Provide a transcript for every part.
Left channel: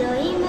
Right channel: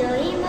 হৃদয়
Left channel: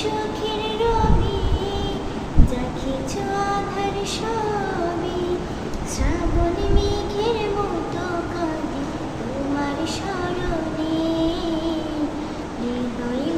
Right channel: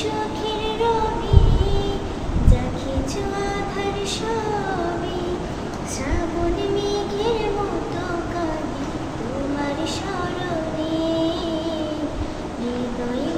সুখের রবি যা কিছু আধার সবই শ্রাবণ মেঘের মতো কাঁদে তোমার স্মরণে হৃদয়ে